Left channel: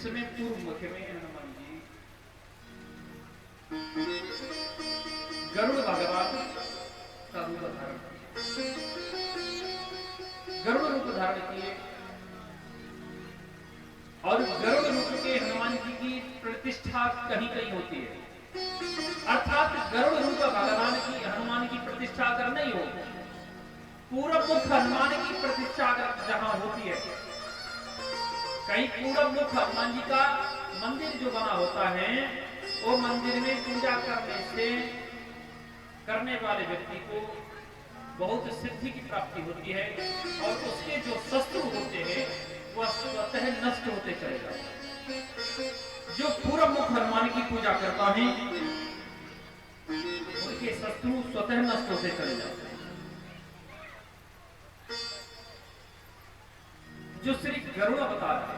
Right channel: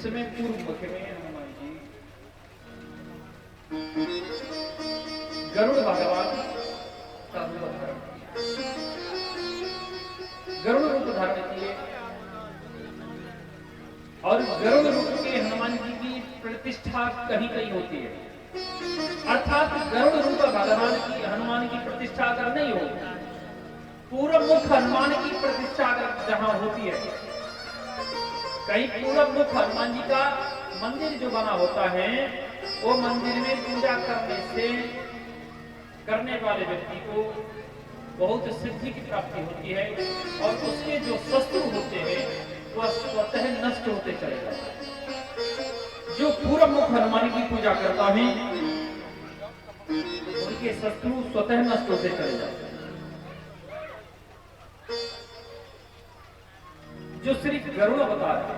समय पूर्व मुख में हनुमान जी गरुड़ भगवान का रूप धारण किया। गरुड़ रूप धारण किए और गरुड़ रूप के हनुमान जी की प्रतिष्ठा कहीं कहीं होती है, अर्थात गरुड़ रूप भगवान की हनुमान की प्रतिष्ठा अगर नहीं हो, पूर्व मुख हनुमान की प्रतिष्ठा अगर जहां होती है, कहीं पूर्व मुख हनुमान जी का मंदिर जो बना होता है, वो मंदिर में पूजा करने वाले व्यक्ति को बहुत सिद्धि की प्राप्ति होती है और उसके जो शत्रु होते हैं वह स्वतः नष्ट होते चले जाते। जो पूर्व मुख हनुमान की पूजा करता है उनके शत्रु स्वतः नष्ट होते चले जाते हैं। जो श्री गरुड़ अवतार है,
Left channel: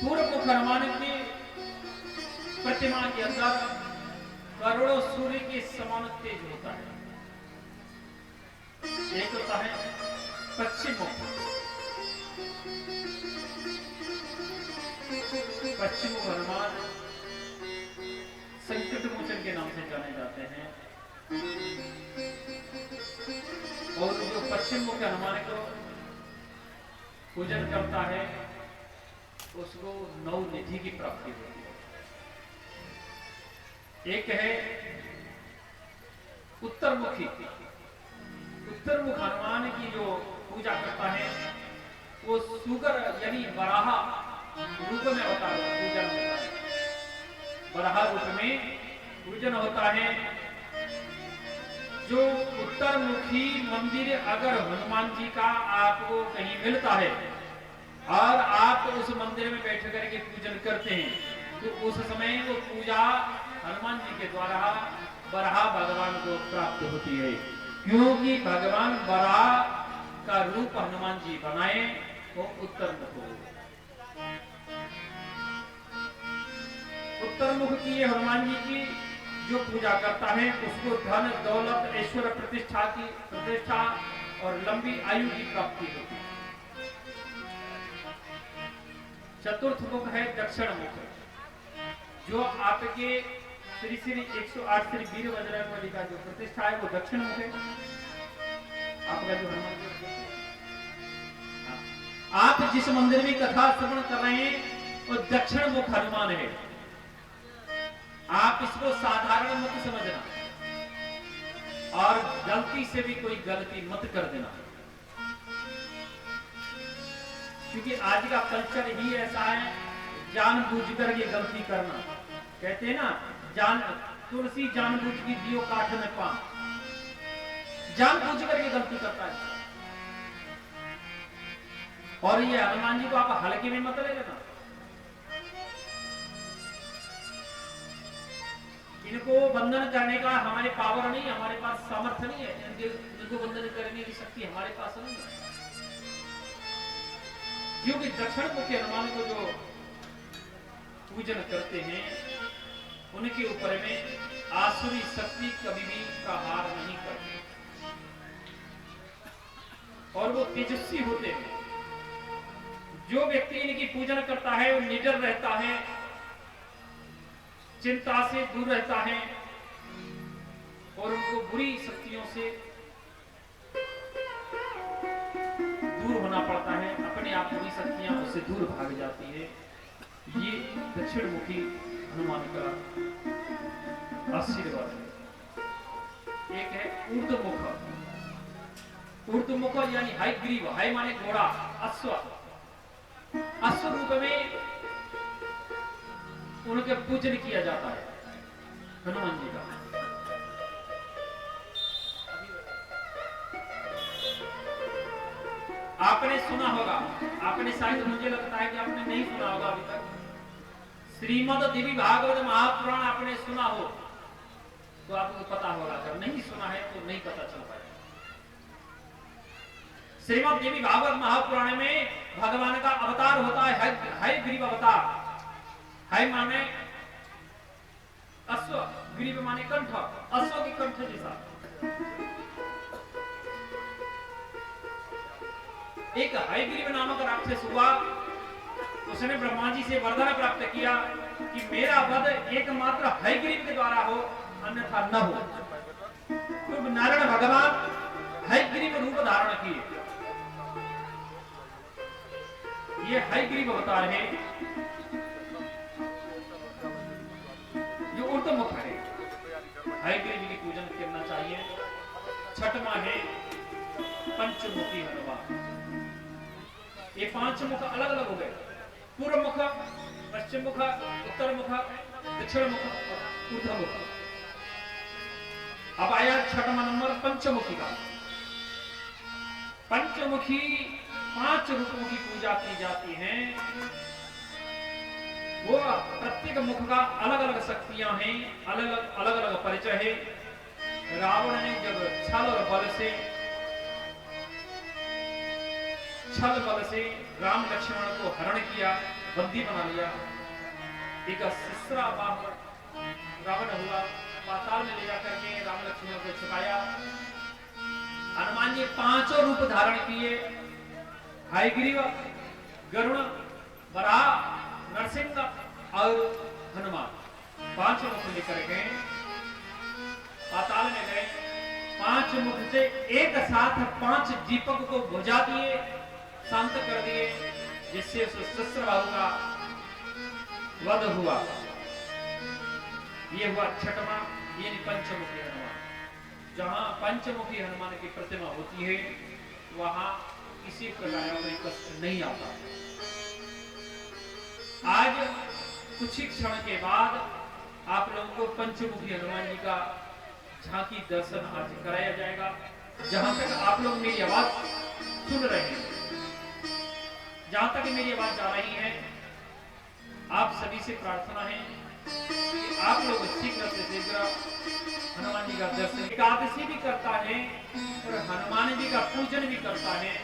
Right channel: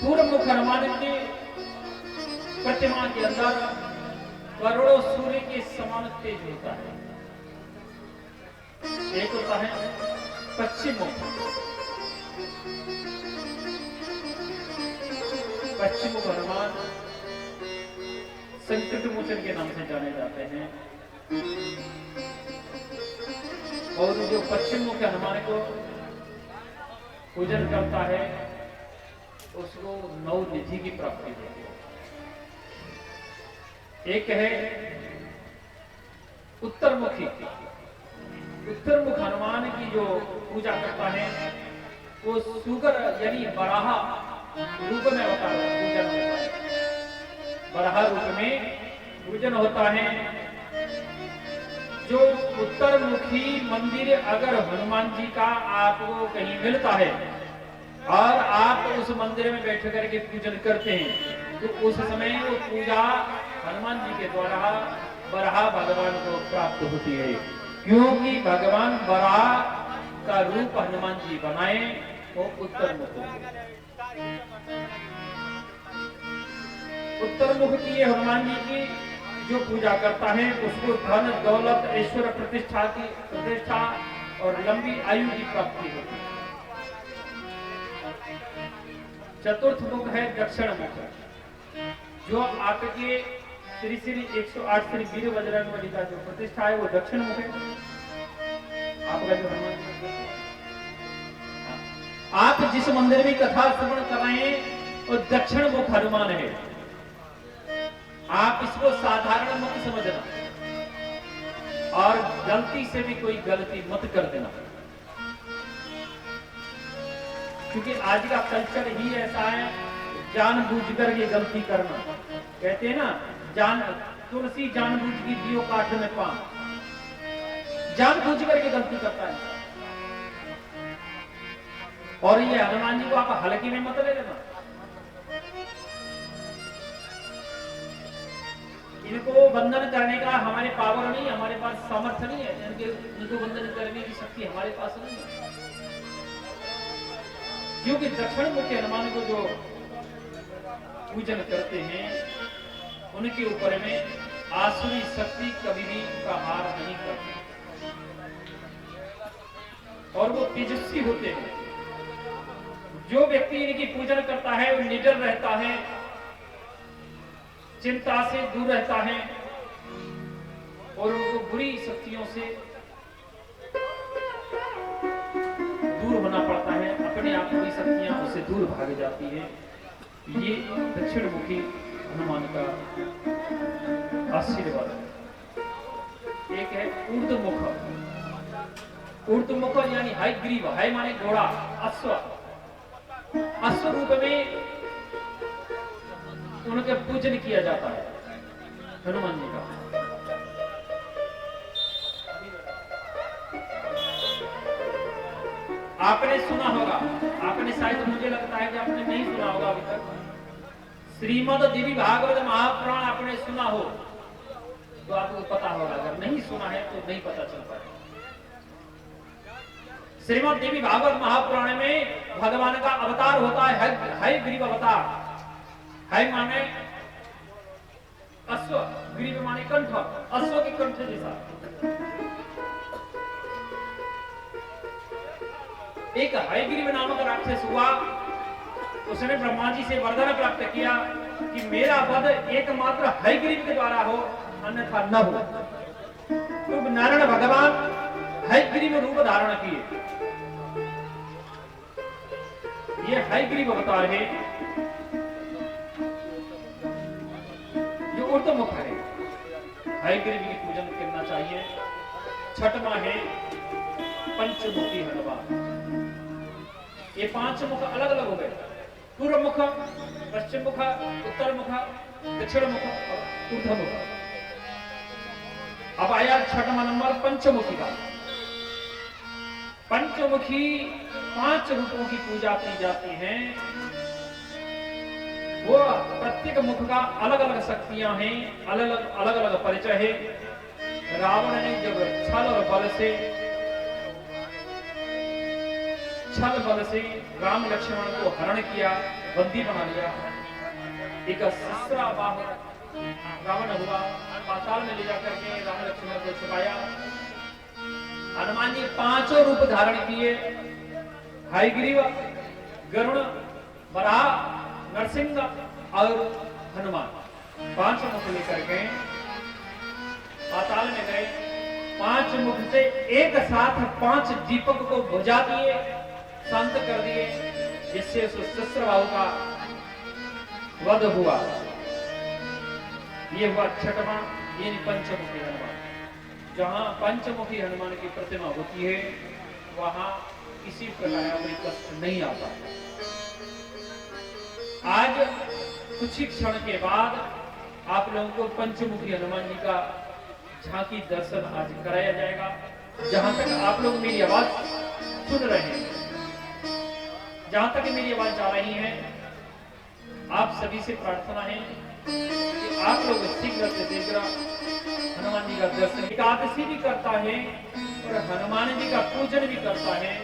पूर्व मुख हनुमान के प्रतिमा के अंदर करोड़ों सूर्य के समान तेज होता है। एक होता है पश्चिम मुख, पश्चिम मुख हनुमान संकट मोचन के नाम से जाने जाते हैं और जो पश्चिम मुख हनुमान को पूजन करता है उसको नौ निधि की प्राप्ति होती है। एक है उत्तरमुखी, उत्तरमुख हनुमान की जो पूजा करता है वो सुगर यानी बराहा रूप में होता है, पूजन होता है, बराहा रूप में पूजन होता है। जो उत्तरमुखी मंदिर अगर हनुमान जी का आपको कहीं मिलता है और आप उस मंदिर में बैठ करके पूजन करते हैं तो उस समय वो पूजा हनुमान जी के द्वारा बराह भगवान को प्राप्त होती है, क्योंकि भगवान बराह का रूप हनुमान जी बनाए वो उत्तरमुख। उत्तरमुख की ये हनुमान जी की जो पूजा करता है उसको धन दौलत ऐश्वर्य प्रतिष्ठा और लंबी आयु की प्राप्ति होती है। चतुर्थ मुख है दक्षिण मुख, जो आपके श्री श्री 108 श्री वीर बजरंग बली का जो प्रतिष्ठा है वो दक्षिण मुख है। आपका जो हनुमान आप जिस मंदिर में कथा श्रवण कर रहे हैं वो दक्षिण मुख हनुमान है। आप इसको साधारण मत समझना और गलती से भी कोई गलती मत कर देना, क्योंकि आज का कल्चर ही ऐसा है, जानबूझकर ये गलती करना। कहते हैं ना, तुलसी जानबूझ की दियो काठ में पान, जानबूझकर ये गलती करता है। और ये हनुमान जी को आप हल्के में मत ले लेना। इनको वंदन करने का हमारे पावर नहीं, हमारे पास सामर्थ्य नहीं है, इनको वंदन करने की शक्ति हमारे पास नहीं है, क्योंकि दक्षिण मुखी हनुमान को जो पूजन करते हैं उनके ऊपर में आसुरी शक्ति कभी भी प्रहार नहीं करती और वो तेजस्वी होते हैं। जो व्यक्ति इनकी पूजन करता है वो निडर रहता है, चिंता से दूर रहता है और उनको बुरी शक्तियों से दूर होना पड़ता है, अपने आप बुरी शक्तियां उससे दूर भाग जाती है। ये दक्षिण मुखी हनुमान का आशीर्वाद है। एक है ऊर्ध्वमुख, ऊर्ध्वमुख यानी हयग्रीव, हय माने घोड़ा, अश्व, अश्व रूप में उनके पूजन किया जाता है हनुमान जी का। आपने सुना होगा, आपने शायद, मुझे लगता है कि आपने नहीं सुना होगा अभी तक, श्रीमद् देवी भागवत महापुराण आपने सुना हो तो आपको पता होगा, अगर नहीं सुना है तो नहीं पता चल पाएगा। श्रीमद् देवी भागवत महापुराण में भगवान का अवतार होता है हयग्रीव अवतार। हय माने अश्व, ग्रीव माने कंठ, अश्व के कंठ जैसा। एक हयग्रीव नामक राक्षस हुआ, उसने ब्रह्मा जी से वरदान प्राप्त किया कि मेरा वध एकमात्र हयग्रीव के द्वारा हो, अन्यथा न हो। तो नारायण भगवान हयग्रीव रूप धारण किए। ये हयग्रीव अवतार है, जो ऊर्ध्वमुख है। हयग्रीव की पूजन करना चाहिए। छठवां है पंचमुखी हनुमान। ये पांच मुख अलग अलग हो गए, पूर्व मुख, पश्चिम मुख, उत्तर मुख, दक्षिण मुख और ऊर्ध्व मुख। अब आया छठवां नंबर पंचमुखी का। पंचमुखी 5 रूपों की पूजा की जाती है। वो प्रत्येक मुख का अलग अलग शक्तियां हैं, अलग अलग परिचय है। रावण ने जब छल बल से राम लक्ष्मण को हरण किया, बंदी बना लिया, एक ससुरा बाहु रावण हुआ, पाताल में ले जाकर के राम लक्ष्मण को छुपाया। हनुमान जी 5 रूप धारण किए, हयग्रीव, गरुड़, वराह, नरसिंह और हनुमान। 5 मुख लेकर के पाताल में गए। 5 मुख से एक साथ 5 दीपक को बुझा दिए, शांत कर दिए, जिससे सहस्त्रबाहु का वध हुआ। ये हुआ छठवां, यानी पंचमुखी हनुमान। जहां पंचमुखी हनुमान की प्रतिमा होती है, वहां किसी प्रकार कोई कष्ट नहीं आता। आज कुछ ही क्षण के बाद आप लोगों को पंचमुखी हनुमान जी का झांकी दर्शन आज कराया जाएगा। जहां तक आप लोग मेरी आवाज सुन रहे हैं, जहां तक मेरी आवाज जा रही है, आप सभी से प्रार्थना है कि आप लोग शीघ्र से शीघ्र हनुमान जी का दर्शन, एकादशी भी करता है और हनुमान जी का पूजन भी करता है,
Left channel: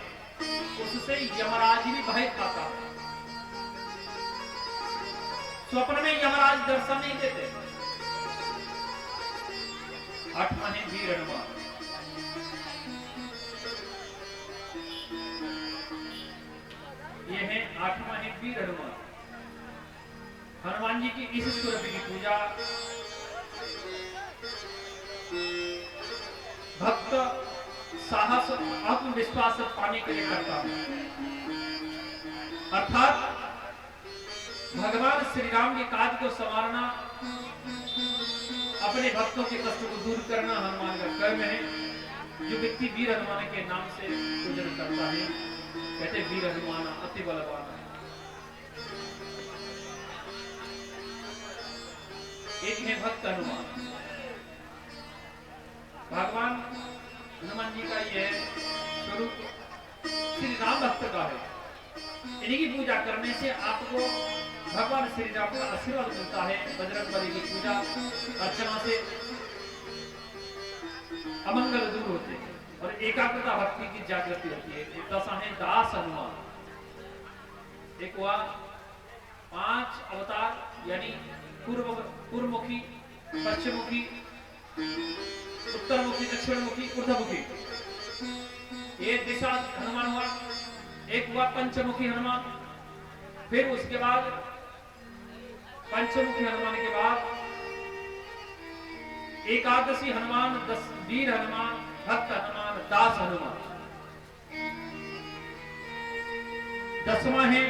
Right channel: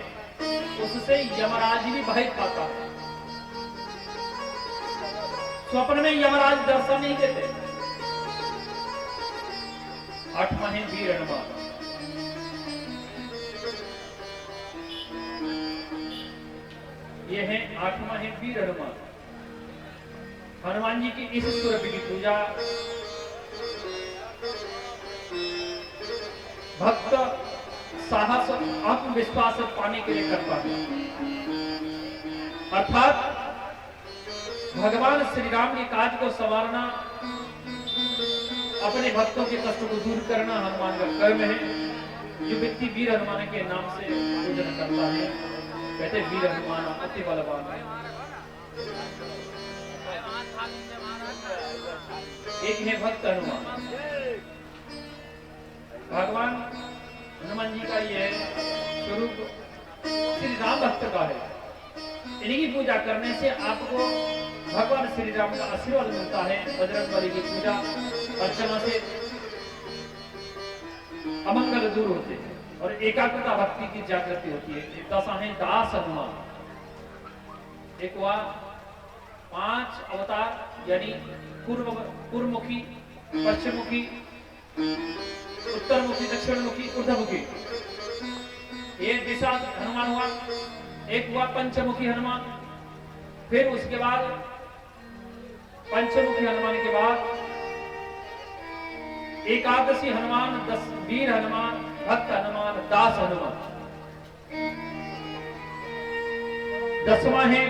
उससे यमराज भी भय खाता है। स्वप्न में यमराज दर्शन नहीं देते। 8वां है वीर हनुमान। यह है 8वां है वीर हनुमान। हनुमान जी की इस स्वरूप की पूजा भक्त साहस आत्मविश्वास पाने के लिए करता है। अर्थात भगवान श्री राम के काज को संवारना, अपने भक्तों के कष्ट को दूर करना हनुमान का कर्म है। जो व्यक्ति वीर हनुमान के नाम से पूजन करता है, कहते वीर हनुमान अति बलवान है। एक है भक्त हनुमान। भगवान हनुमान जी का यह स्वरूप श्री राम भक्त का है। इन्हीं की पूजा करने से आपको भगवान श्री राम का आशीर्वाद मिलता है। बजरंगबली की पूजा अर्चना से अमंगल दूर होते हैं और एकाग्रता भक्ति की जागृति होती है। एक दशा है दास हनुमान। एक हुआ 5 अवतार, यानी पूर्वमुखी, पश्चिममुखी, उत्तरमुखी, दक्षिणमुखी, ऊर्ध्वमुखी, ये दिशा हनुमान हुआ। एक हुआ पंचमुखी हनुमान। फिर उसके बाद पंचमुखी हनुमान के बाद एकादशी हनुमान, 10 वीर हनुमान, भक्त हनुमान, दास हनुमान। 10वां है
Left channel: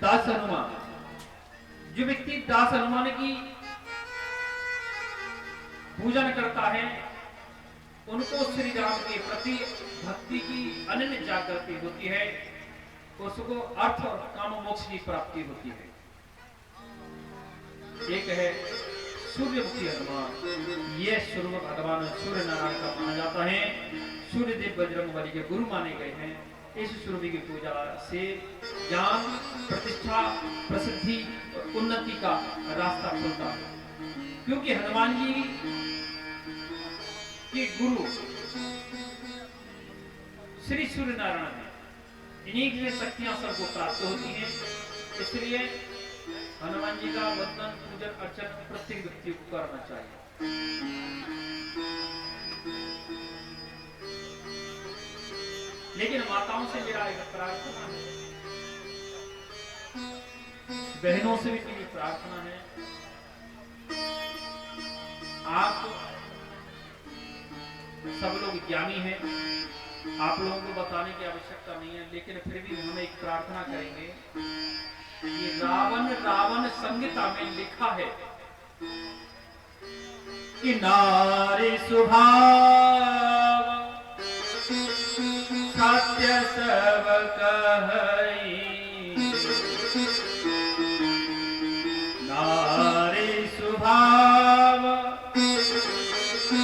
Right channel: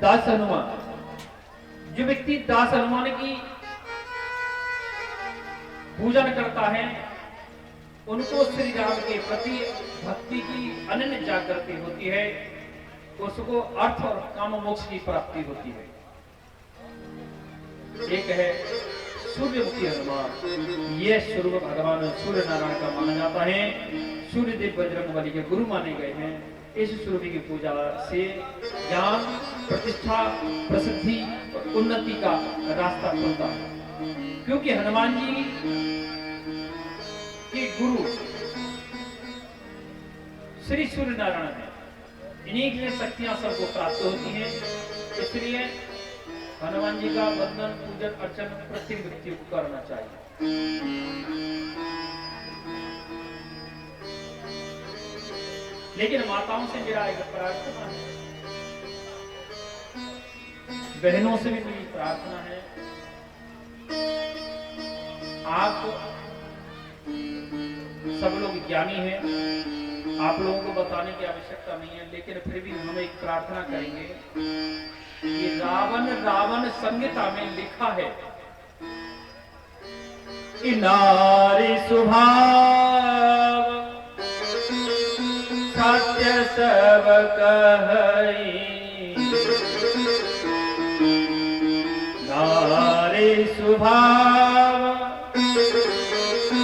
दास हनुमान। जो व्यक्ति दास हनुमान की पूजन करता है, उनको श्री राम के प्रति भक्ति की अनन्य जागृति होती है, उसको अर्थ और काम मोक्ष की प्राप्ति होती है। एक है सूर्यमुखी हनुमान। यह स्वरूप भगवान सूर्य नारायण का माना जाता है। सूर्यदेव बजरंगबली के गुरु माने गए हैं। इस स्वरूप की पूजा से ज्ञान, प्रतिष्ठा, प्रसिद्धि और उन्नति का रास्ता खुलता है। क्योंकि हनुमान जी के गुरु श्री सूर्य नारायण है। इन्हीं की शक्तियां सबको प्राप्त होती हैं। इसलिए हनुमान जी का वंदन, पूजन, अर्चन प्रत्येक व्यक्ति को करना चाहिए। लेकिन माताओं से मेरा एक प्रार्थना है, बहनों से भी मेरी प्रार्थना है, आप सब लोग ज्ञानी हैं, आप लोगों को बताने की आवश्यकता नहीं है, लेकिन फिर भी हम एक प्रार्थना करेंगे। ये रावण संहिता में लिखा है कि नारी स्वभाव सत्य सब कहई, नारी स्वभाव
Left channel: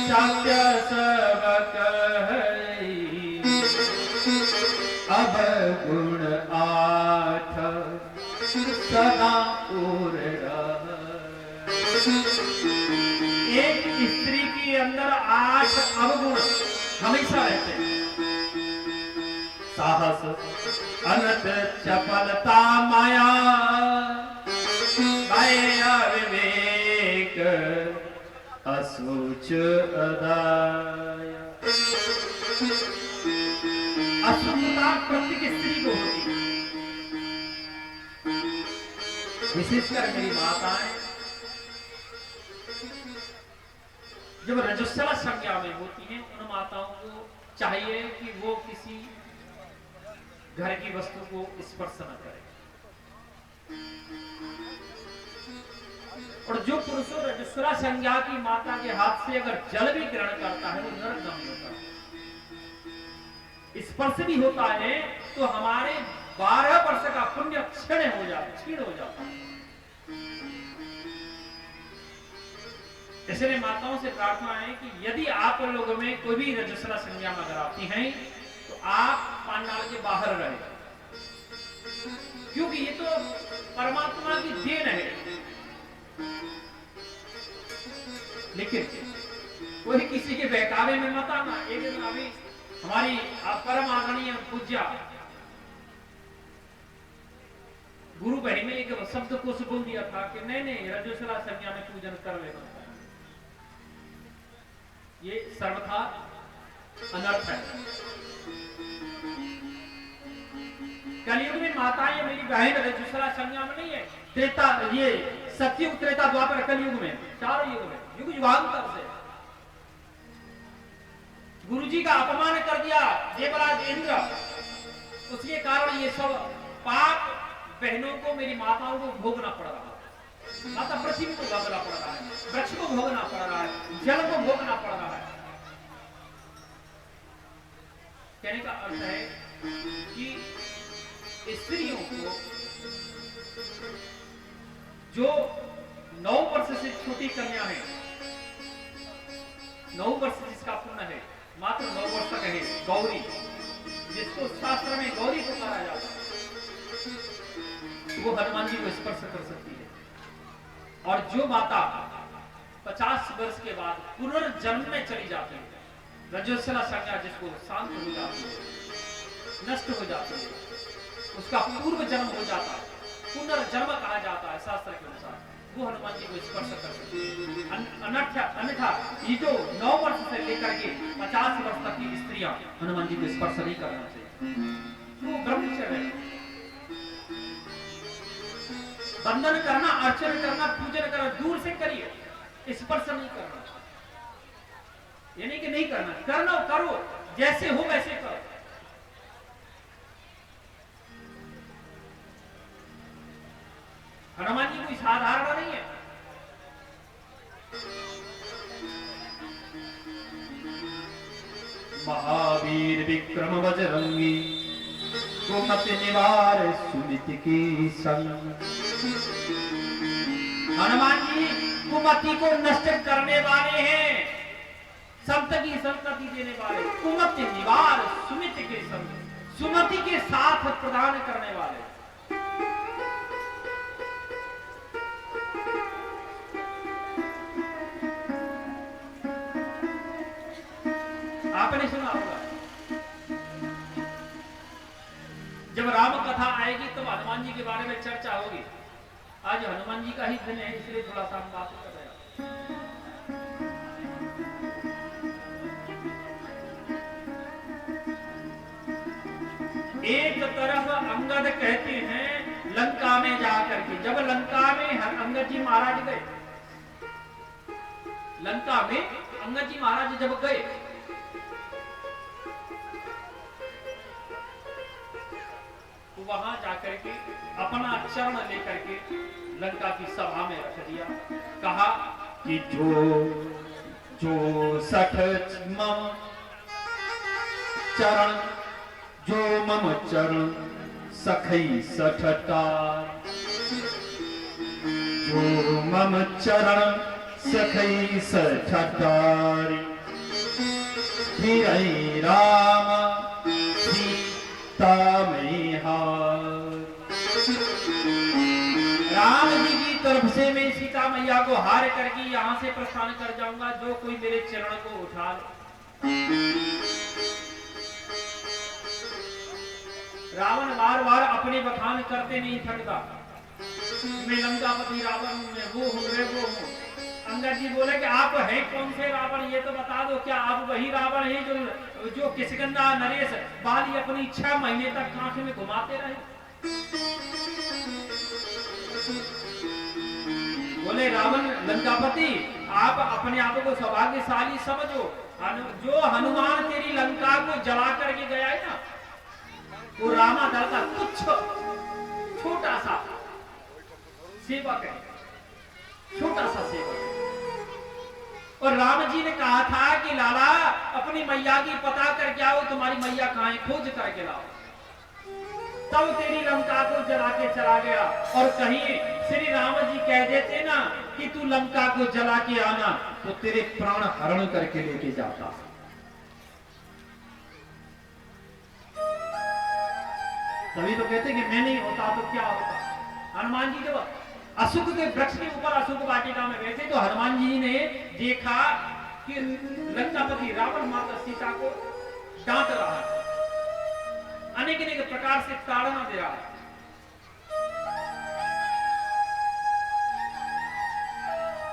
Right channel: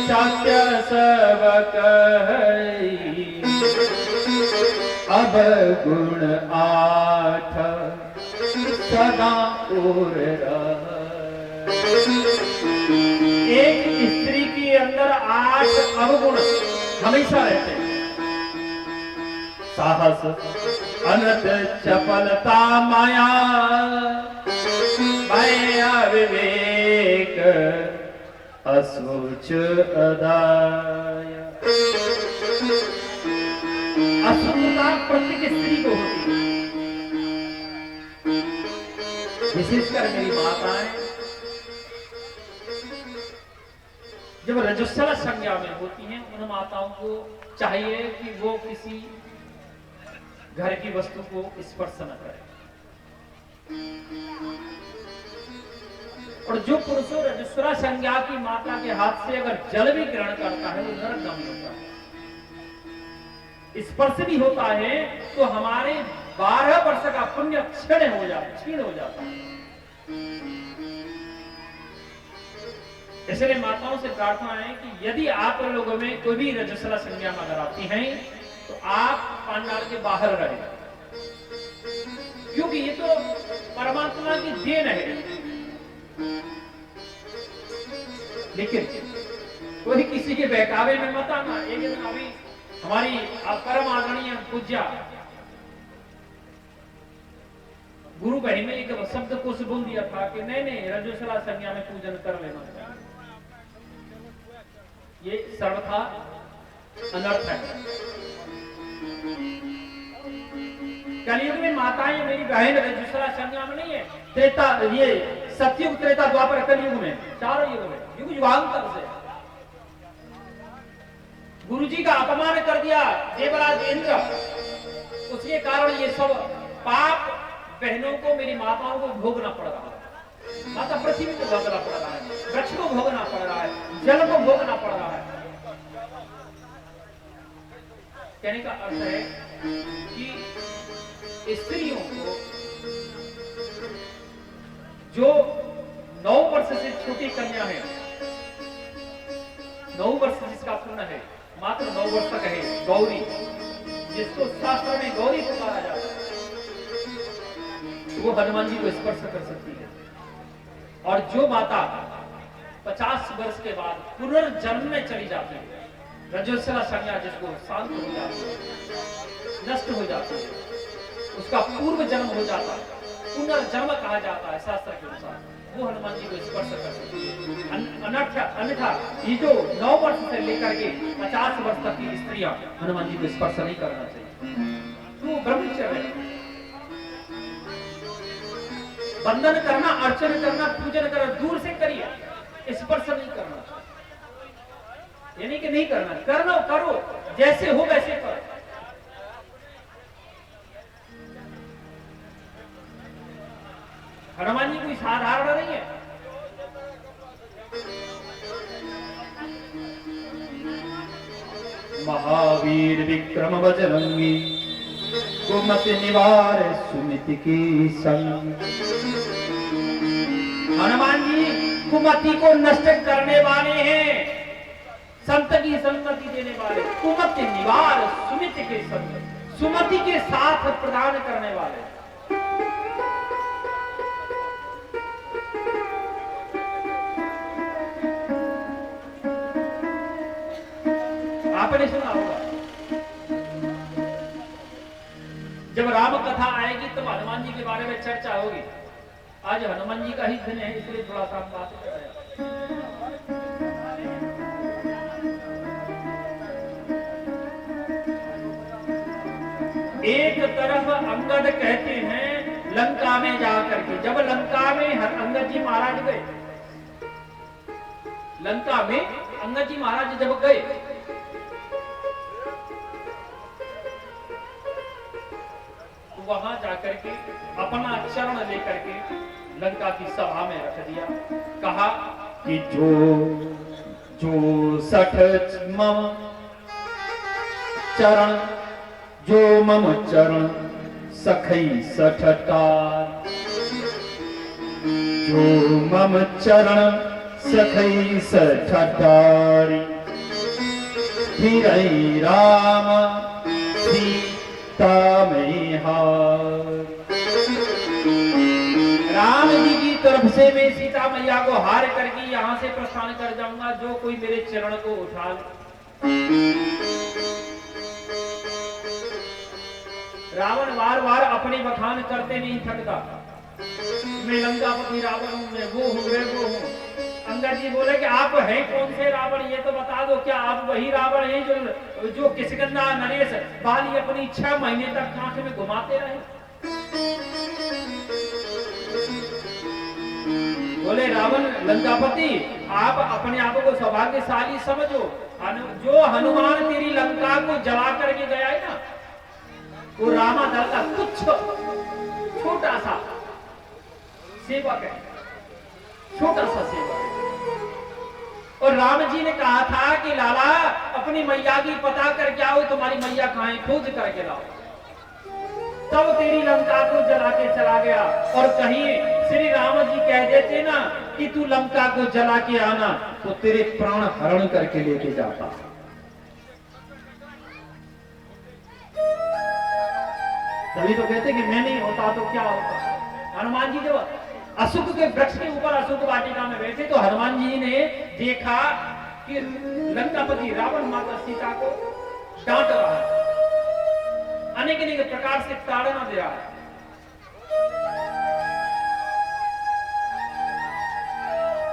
सत्य सब कहई, अब गुण आठ सदा और एक स्त्री के अंदर 8 अवगुण हमेशा रहते हैं। साहस, अनर्थ, चपलता, माया, माया, विवेक, असुच, अदाया। असुचता प्रत्येक स्त्री को होती है, विशेषकर मेरी माताएं जब रजस्वला संज्ञा में होती हैं, उन माताओं को चाहिए कि वो किसी घर की वस्तु को स्पर्श न करें। और जो पुरुष रजस्वला संज्ञा की माता के हाथ से अगर जल भी ग्रहण करता है, वो नरकगामी होता है। स्पर्श भी होता है तो हमारे 12 वर्ष का पुण्य क्षीण हो जाता है। इसलिए माताओं से प्रार्थना है कि यदि आप लोगों में कोई भी रजस्वला संज्ञा में अगर आती हैं, तो आप पांडाल के बाहर रहें, क्योंकि ये तो परमात्मा की देन है। लेकिन कोई किसी के बहकावे में मत आना। एक दिन अभी हमारी परम आदरणीय पूज्या गुरु बहनी में एक शब्द कोश बोल दिया था कि नहीं रजस्वला संज्ञा में पूजन कर लेना, ये सर्वथा अनर्थ है। कलयुग में माताएं मेरी बहन रजस्वला संज्ञा में नहीं है। त्रेता, ये सतयुग, त्रेता, द्वापर, कलयुग में, चारों युग में, युग युगांतर से गुरुजी का अपमान कर दिया देवराज इंद्र, उसके कारण ये सब पाप बहनों को, मेरी माताओं को भोगना पड़ रहा है। माता पृथ्वी को भोगना पड़ रहा है, वृक्ष को भोगना पड़ रहा है, जल को भोगना पड़ रहा है। कहने का अर्थ है कि स्त्रियों को जो 9 वर्ष से छोटी कन्या है, 9 वर्ष जिसका पूर्ण है, मात्र 9 वर्ष तक है, गौरी, जिसको शास्त्र में गौरी पुकारा जाता है, वो हनुमान जी को स्पर्श कर सकती है। और जो माता 50 वर्ष के बाद पुनर्जन्म में चली जाती है, रजस्वला संज्ञा जिसको शांत हो जाती है, नष्ट हो जाती है, उसका पूर्व जन्म हो जाता है, पुनर्जन्म कहा जाता है शास्त्र के अनुसार, वो हनुमान जी को स्पर्श कर सकती है। अन्यथा ये जो 9 वर्ष से लेकर के 50 वर्ष तक की स्त्रियां हनुमान जी को स्पर्श नहीं करना चाहिए। तो ब्रह्मचर्य है, बंधन करना, अर्चन करना, पूजन करना दूर से करिए, स्पर्श नहीं करना। यानी कि नहीं करना, करना करो, जैसे हो वैसे करो। हनुमान जी कोई साधारण नहीं है। महावीर विक्रम बजरंगी, कुमति निवार सुमिति की संग। हनुमान जी कुमति को नष्ट करने वाले हैं, संत की संगति देने वाले, कुमति निवार सुमिति के संग, सुमति के साथ प्रदान करने वाले। आपने सुना होगा जब राम कथा आएगी तो हनुमान जी के बारे में चर्चा होगी। आज हनुमान जी का ही दिन है, इसलिए थोड़ा सा हम बात कर रहे हैं। एक तरफ अंगद कहते हैं लंका में जाकर के, जब लंका में अंगद जी महाराज गए, लंका में अंगद जी महाराज जब गए तो वहां जाकर के अपना चरण लेकर के लंका की सभा में रख दिया। कहा कि जो सठ मम चरण, जो मम चरण सखई सठटार, जो मम चरण सखई सठटारी, फिर राम सीता में हार। राम जी की तरफ से मैं सीता मैया को हार करके यहां से प्रस्थान कर जाऊंगा, जो कोई मेरे चरण को उठा ले। रावण बार बार अपने बखान करते नहीं थकता, मैं लंकापति रावण हूं, मैं वो हूं, मैं वो हूं। अंगद जी बोले कि आप हैं कौन से रावण, ये तो बता दो, क्या आप वही रावण हैं जो किष्किंधा नरेश बाली अपनी 6 महीने तक कांख में घुमाते रहे? बोले रावण लंकापति, आप अपने आप को सौभाग्यशाली समझो, जो हनुमान तेरी लंका को जला करके गया है ना, वो रामा दल का कुछ छोटा सा सेवक है, छोटा सा सेवक है। और राम जी ने कहा था कि लाला अपनी मैया की पता करके आओ, तुम्हारी मैया कहां है, खोज करके लाओ। तब तेरी लंका को जला के चला गया। और कहीं श्री राम जी कह देते ना कि तू लंका को जला के आना, तो तेरे प्राण हरण करके लेके जाता। तभी तो कहते कि मैं नहीं होता तो क्या होता। हनुमान जी जब अशोक के वृक्ष के ऊपर अशोक वाटिका में बैठे तो हनुमान जी ने देखा कि लंकापति रावण माता सीता को डांट रहा है, अनेक अनेक प्रकार से ताड़ना दे रहा है।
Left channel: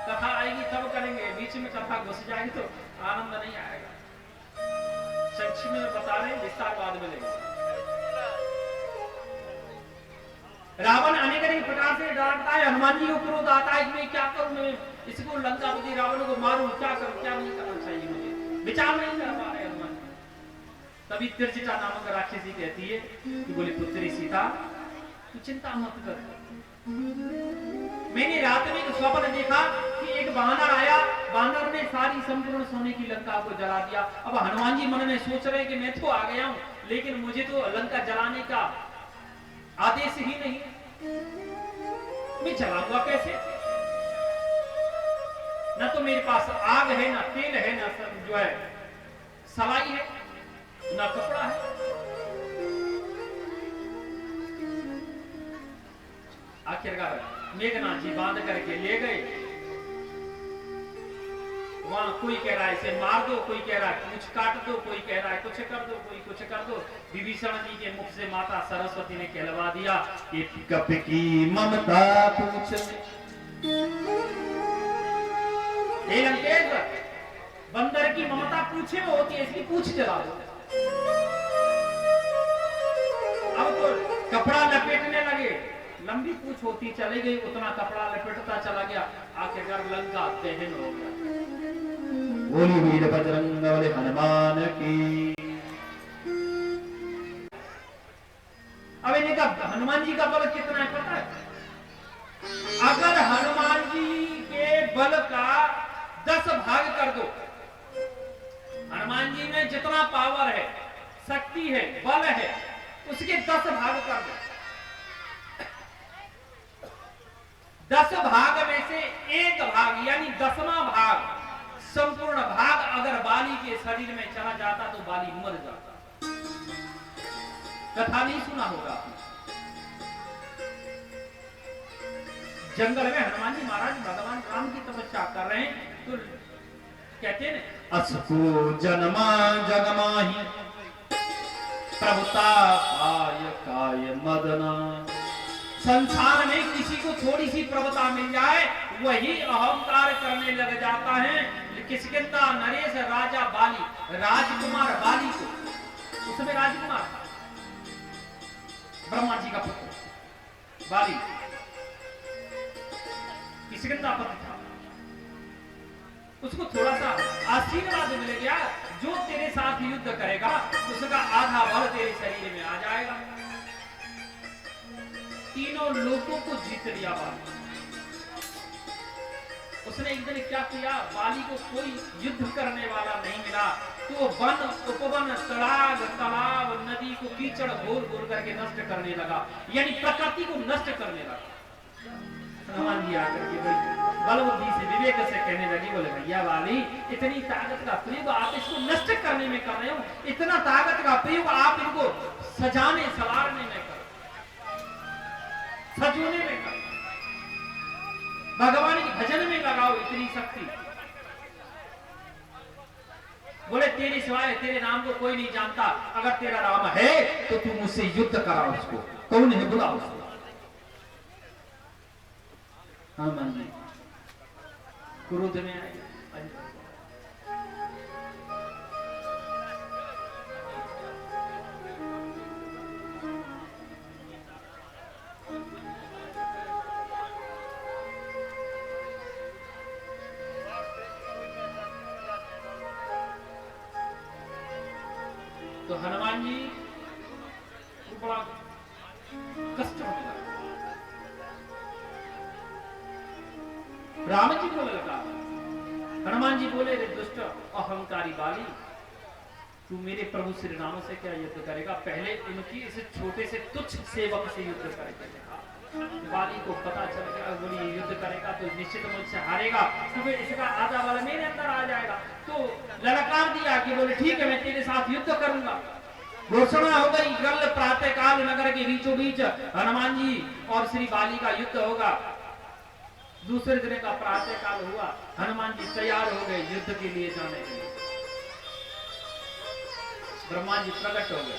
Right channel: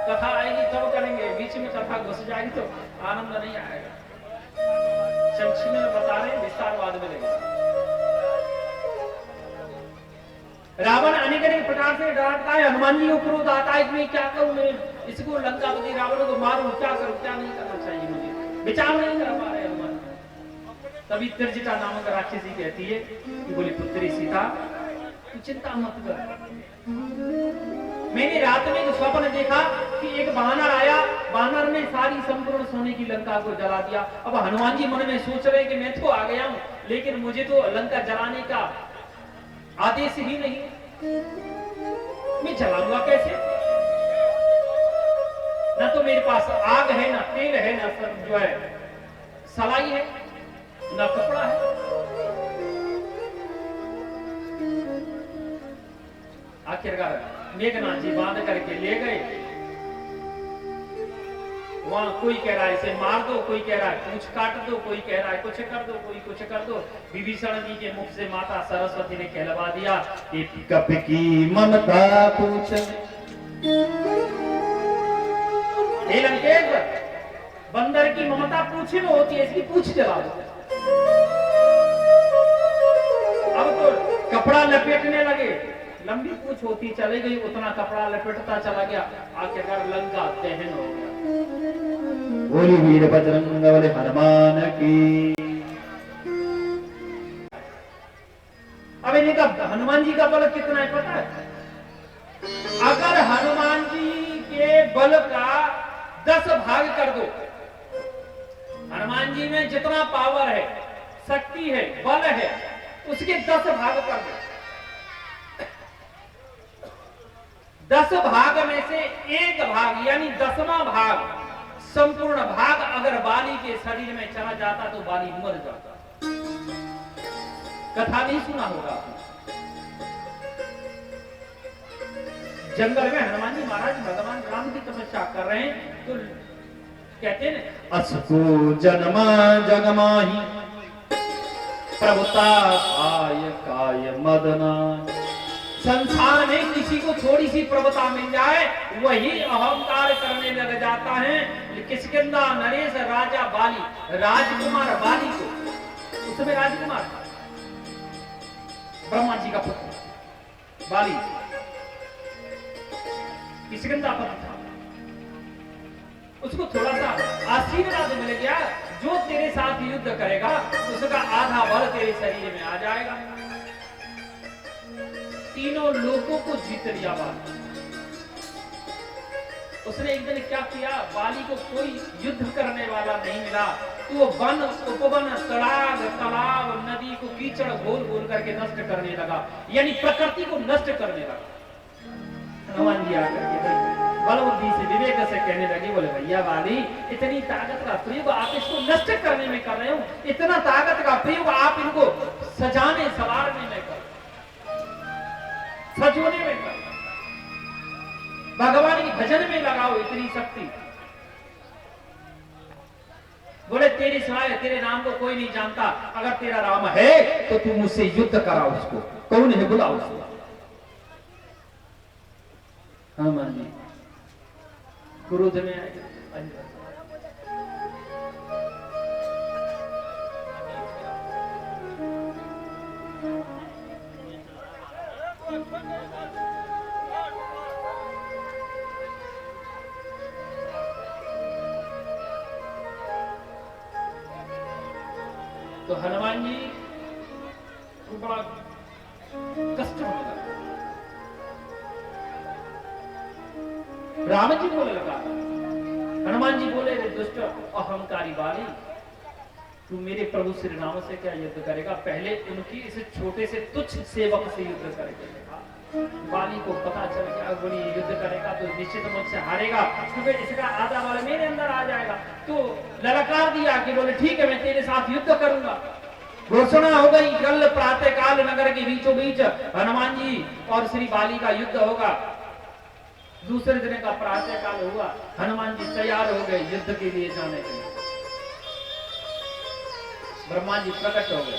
कथा आएगी तब करेंगे, बीच में कथा घुस जाएगी तो आनंद नहीं आएगा। संक्षिप्त में बता रहे, विस्तार बाद में लेंगे। रावण अनेक अनेक प्रकार से डांटता है, हनुमान जी को क्रोध आता है, मैं क्या करूं, मैं इसको लंकापति रावण को मारूं, क्या करूं, क्या नहीं करना चाहिए मुझे, विचार नहीं कर पा रहे हनुमान। तभी त्रिजटा नामक राक्षसी कहती है कि बोली पुत्री सीता तू चिंता मत कर, मैंने रात में एक स्वप्न देखा कि एक वानर आया, वानर ने सारी संपूर्ण सोने की लंका को जला दिया। अब हनुमान जी मन में सोच रहे कि मैं तो आ गया हूं, लेकिन मुझे तो लंका जलाने का आदेश ही नहीं, मैं जलाऊंगा कैसे? न तो मेरे पास आग है, न तेल है, न जो है सलाई है, न कपड़ा है। आखिरकार मेघनाथ जी बांध करके ले गए। वहां कोई कह रहा है इसे मार दो, कोई कह रहा है कुछ काट दो, कोई कह रहा है कुछ कर दो, कोई कुछ कर दो। विभीषण जी के मुख से माता सरस्वती ने कहलवा दिया कि कप की ममता पूछ, हे लंकेश, बंदर की ममता पूछे में होती है, इसकी पूछ जला दो। अब तो कपड़ा लपेटने लगे, लंबी पूछ होती चली गई, उतना कपड़ा लपेटता चला गया, आखिरकार लंका दहन हो गया। बोली वीर बजरंग बली हनुमान की। अब इनका हनुमान जी का बल कितना है पता है? अगर हनुमान जी के बल का 10 भाग कर दो, हनुमान जी में जितना पावर है, शक्ति है, बल है, उसके 10 भाग कर दो। 10 भाग में से 1 भाग यानी 10वां भाग, संपूर्ण भाग अगर बाली के शरीर में चला जाता तो बाली मर जाता। कथा नहीं सुना होगा, जंगल में हनुमान जी महाराज भगवान राम की तपस्या कर रहे हैं, तो कहते हैं असको जन्मा जगमाही प्रभुता काय काय मदना। संसार में किसी को थोड़ी सी प्रभुता मिल जाए, वही अहंकार करने लग जाता है। किष्किंधा नरेश राजा बाली, राजकुमार बाली को, उसमें राजकुमार था, ब्रह्मा जी का पुत्र बाली किष्किंधा पति था। उसको थोड़ा सा आशीर्वाद मिल गया, जो तेरे साथ युद्ध करेगा उसका आधा बल तेरे शरीर में आ जाएगा। तीनों लोगों को जीत लिया बाली। उसने एक दिन क्या किया, बाली को कोई युद्ध करने वाला नहीं मिला तो वो वन उपवन तड़ाग तालाब नदी को कीचड़ घोल घोल करके नष्ट करने लगा, यानी प्रकृति को नष्ट करने लगा। हनुमान जी आकर के बलबुद्धि से विवेक से कहने लगे, बोले भैया बाली इतनी ताकत का प्रयोग आप इसको नष्ट करने में कर रहे हो, इतना ताकत का प्रयोग आप इनको सजाने सवारने में कर, सजोने में कर, भगवान की भजन में लगाओ इतनी शक्ति। बोले तेरे सिवाय तेरे नाम को कोई नहीं जानता, अगर तेरा राम है तो तू मुझसे युद्ध कराओ, उसको कौन है बुलाओ उसको। हनुमान जी क्रोध में आए, तो हनुमान जी को बड़ा कष्ट होने लगा। राम जी बोले लगा, हनुमान जी बोले रे दुष्ट अहंकारी बाली, तू मेरे प्रभु श्री राम से क्या युद्ध करेगा, पहले उनकी इस छोटे से तुच्छ सेवक से युद्ध करेगा। बाली को पता चल गया बोली युद्ध करेगा तो निश्चित मुझसे हारेगा, तो फिर इसका आधा बल मेरे अंदर आ जाएगा। तो ललकार दिया कि बोले ठीक है मैं तेरे साथ युद्ध करूंगा। घोषणा हो गई, कल प्रातः काल नगर के बीचों बीच हनुमान जी और श्री बाली का युद्ध होगा। दूसरे दिन का प्रातः काल हुआ, हनुमान जी तैयार हो गए युद्ध के लिए जाने के लिए। ब्रह्मा जी प्रकट हो गए,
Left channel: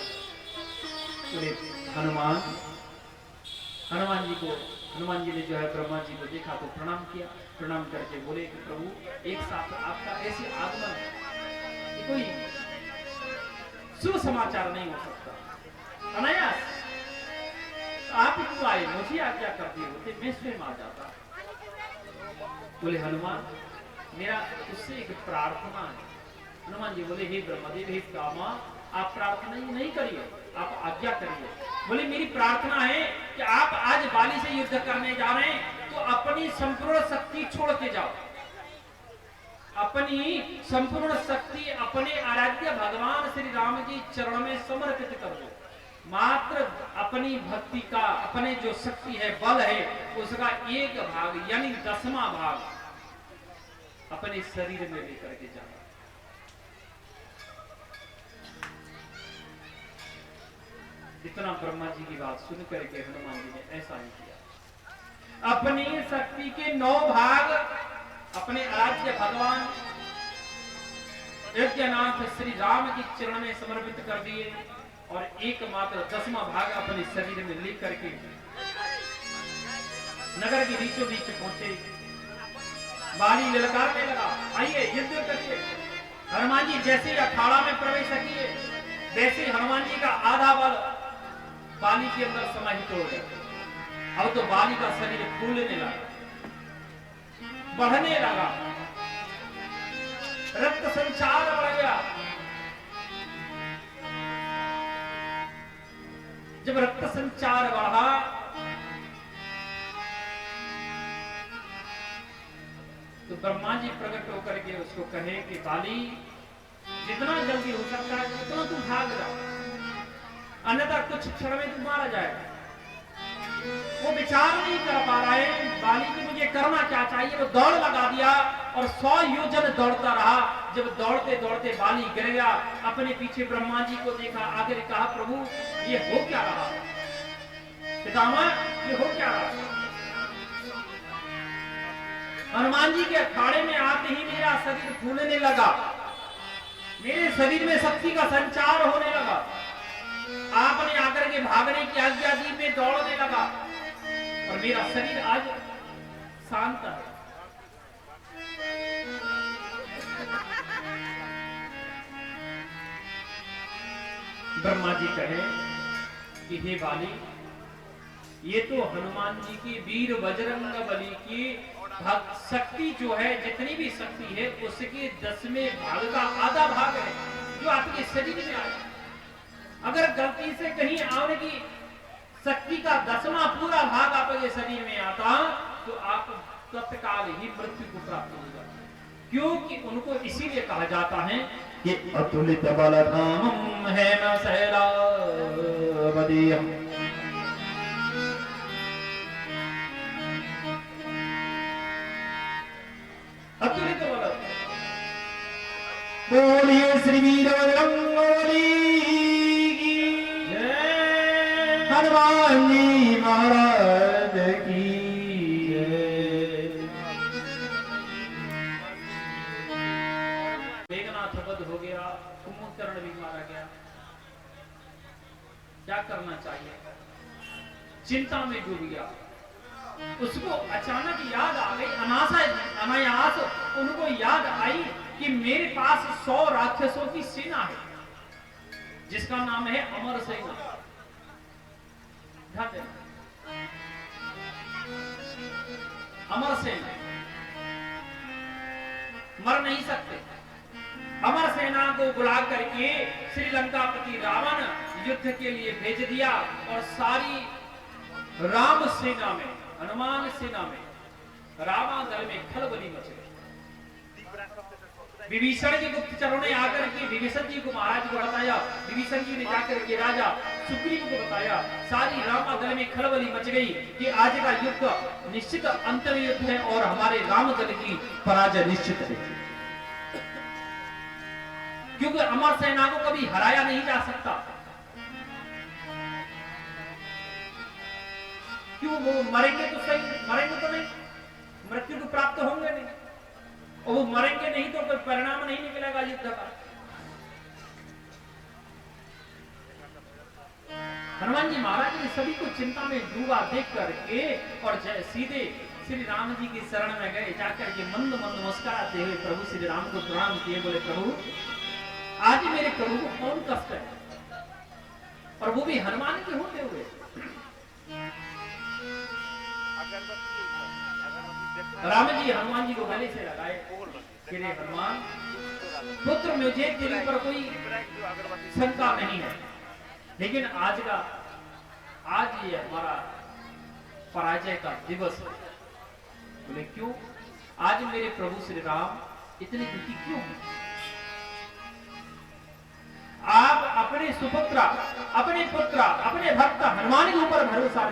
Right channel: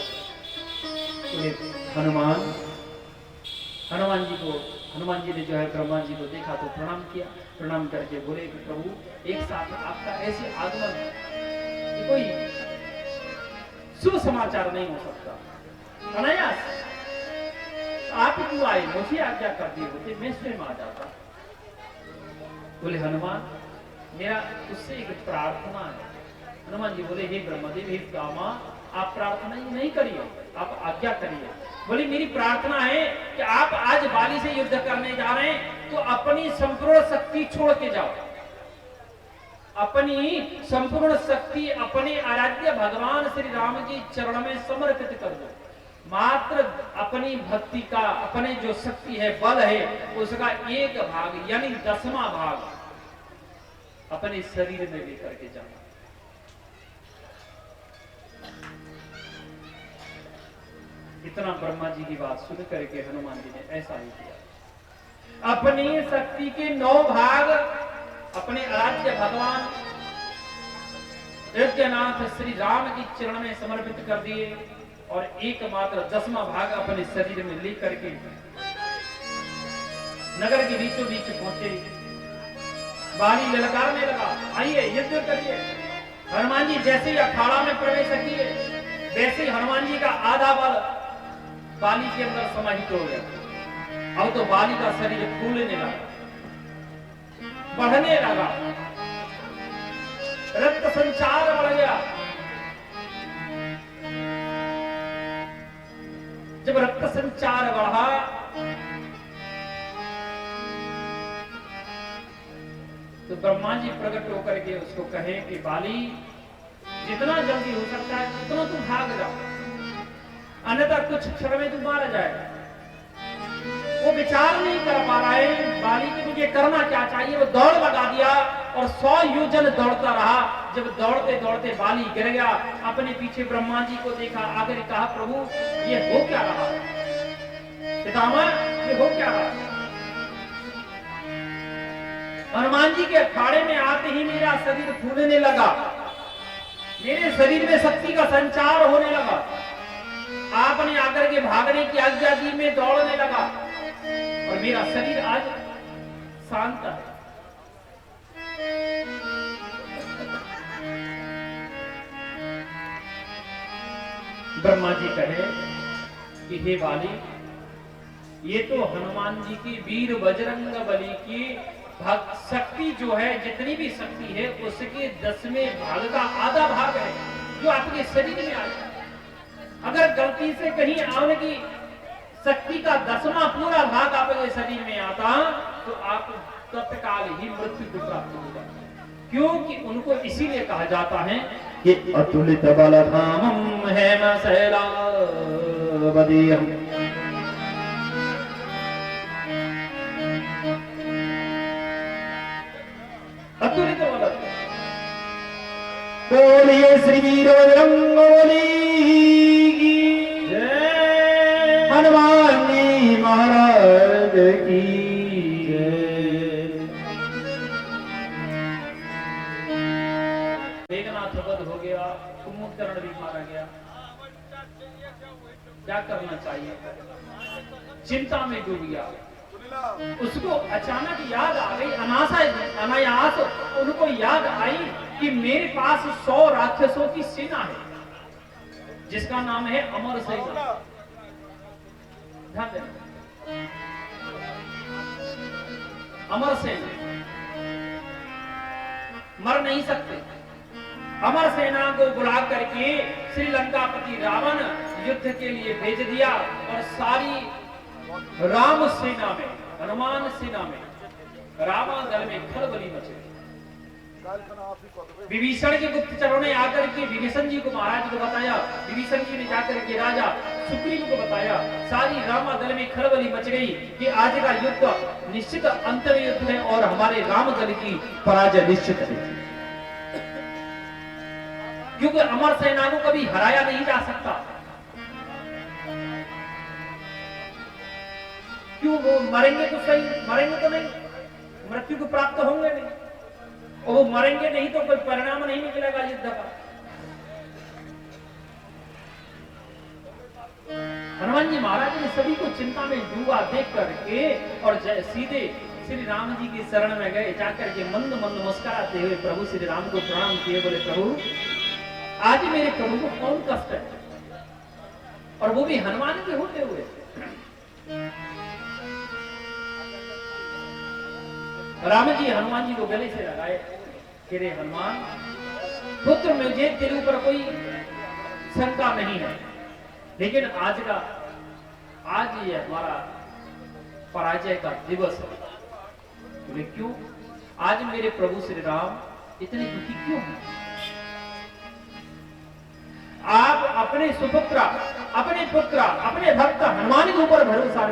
हनुमान जी ने जो है ब्रह्मा जी को देखा तो प्रणाम किया, प्रणाम करके बोले कि प्रभु एक साथ आपका ऐसे आगमन ये कोई शुभ समाचार नहीं हो सकता, अनायास आप क्यों आए, मुझे आज्ञा कर दी होती मैं स्वयं आ जाता। बोले हनुमान मेरा उससे एक प्रार्थना है। हनुमान जी बोले हे ब्रह्मदेव हे कामा, आप प्रार्थना नहीं करिए, आप आज्ञा करिए। बोले मेरी प्रार्थना है कि आप आज बाली से युद्ध करने जा रहे हैं तो अपनी संपूर्ण शक्ति छोड़ के जाओ, अपनी संपूर्ण शक्ति अपने आराध्य भगवान श्री राम जी चरण में समर्पित कर दो। मात्र अपनी भक्ति का, अपने जो शक्ति है बल है उसका एक भाग यानी 10वां भाग अपने शरीर में लेकर के जाना। इतना ब्रह्मा जी की बात सुन करके हनुमान जी ने ऐसा ही किया, अपनी शक्ति के 9 भाग अपने आराध्य भगवान यज्ञनाथ श्री राम के चरण में समर्पित कर दिए और एकमात्र 10वां भाग अपने शरीर में लेकर के नगर के बीचों बीच पहुंचे। बाली ललकारने लगा, आइए युद्ध करिए। हनुमान जी जैसे ही अखाड़ा में प्रवेश किए वैसे हनुमान जी का आधा बल बाली के अंदर समाहित हो गया। अब तो बाली का शरीर फूलने लगा, बढ़ने लगा, रक्त संचार बढ़ गया। जब रक्त संचार बढ़ा तो ब्रह्मा जी प्रकट होकर के उसको कहे कि बाली जितना जल्दी हो सकता है उतना तू भाग जा, अन्यथा कुछ क्षण में तू मारा जाएगा। वो विचार नहीं कर पा रहा है बाली की मुझे करना क्या चाहिए, वो दौड़ लगा दिया और 100 योजन दौड़ता रहा। जब दौड़ते दौड़ते बाली गिर गया, अपने पीछे ब्रह्मा जी को देखा, आखिर कहा प्रभु ये हो क्या रहा, पितामह ये हो क्या रहा। हनुमान जी के अखाड़े में आते ही मेरा शरीर फूलने लगा, मेरे शरीर में शक्ति का संचार होने लगा। आपने आकर के भागने की आज्ञा दी, मैं दौड़ने लगा और मेरा शरीर आज शांत है। ब्रह्मा जी कहे कि हे बाली ये तो हनुमान जी की वीर बजरंग बली की शक्ति जो है, जितनी भी शक्ति है उसके 10वें भाग का आधा भाग है जो आपके शरीर में आ जाए। अगर गलती से कहीं आने की शक्ति का 10वां पूरा भाग आपके शरीर में आता तो आप तत्काल ही मृत्यु को प्राप्त हो जाते, क्योंकि उनको इसीलिए कहा जाता है कि अतुलित बलधामम हेम शैलावदेयम्। अतुलित बल। बोलिए श्री वीर बजरंग बली की जय, हनुमान जी महाराज की जय। मेघनाथ वध हो गया, कुंभकर्ण भी मारा गया। क्या करना चाहिए? चिंता में डूब गया। उसको अचानक याद आ गई, अनायास उनको याद आई कि मेरे पास 100 राक्षसों की सेना है जिसका नाम है अमर सेना। अमर सेना मर नहीं सकते। अमर सेना को बुला करके श्रीलंकापति रावण युद्ध के लिए भेज दिया और सारी राम सेना में, हनुमान सेना में, रावण दल में खलबली मच गई। विभीषण के गुप्तचरों ने आकर के विभीषण जी को, महाराज को बताया। विभीषण जी ने जाकर के राजा सुग्रीव को बताया। सारी राम दल में खलबली मच गई कि आज का युद्ध निश्चित अंतिम युद्ध है और हमारे राम दल की पराजय निश्चित है, क्योंकि अमर सेना को कभी हराया नहीं जा सकता। क्यों? वो मरेंगे तो सही, मरेंगे तो नहीं, मृत्यु को प्राप्त होंगे नहीं, और वो मरेंगे नहीं तो कोई परिणाम नहीं निकलेगा युद्ध का। हनुमान जी महाराज ने सभी को चिंता में डूबा देख करके और सीधे श्री राम जी की शरण में गए। जाकर के मंद मंद मुस्कुराते हुए प्रभु श्री राम को प्रणाम किए। बोले, प्रभु आज मेरे प्रभु को कौन कष्ट है, और वो भी हनुमान के होते हुए। राम जी हनुमान जी को गले से लगाए कि रे हनुमान पुत्र, मुझे तेरे ऊपर कोई शंका नहीं है, लेकिन आज ये हमारा पराजय का दिवस है। बोले, क्यों? आज मेरे प्रभु श्री राम इतने दुखी क्यों हैं? आप अपने सुपुत्र, अपने पुत्र, अपने भक्त हनुमान के ऊपर भरोसा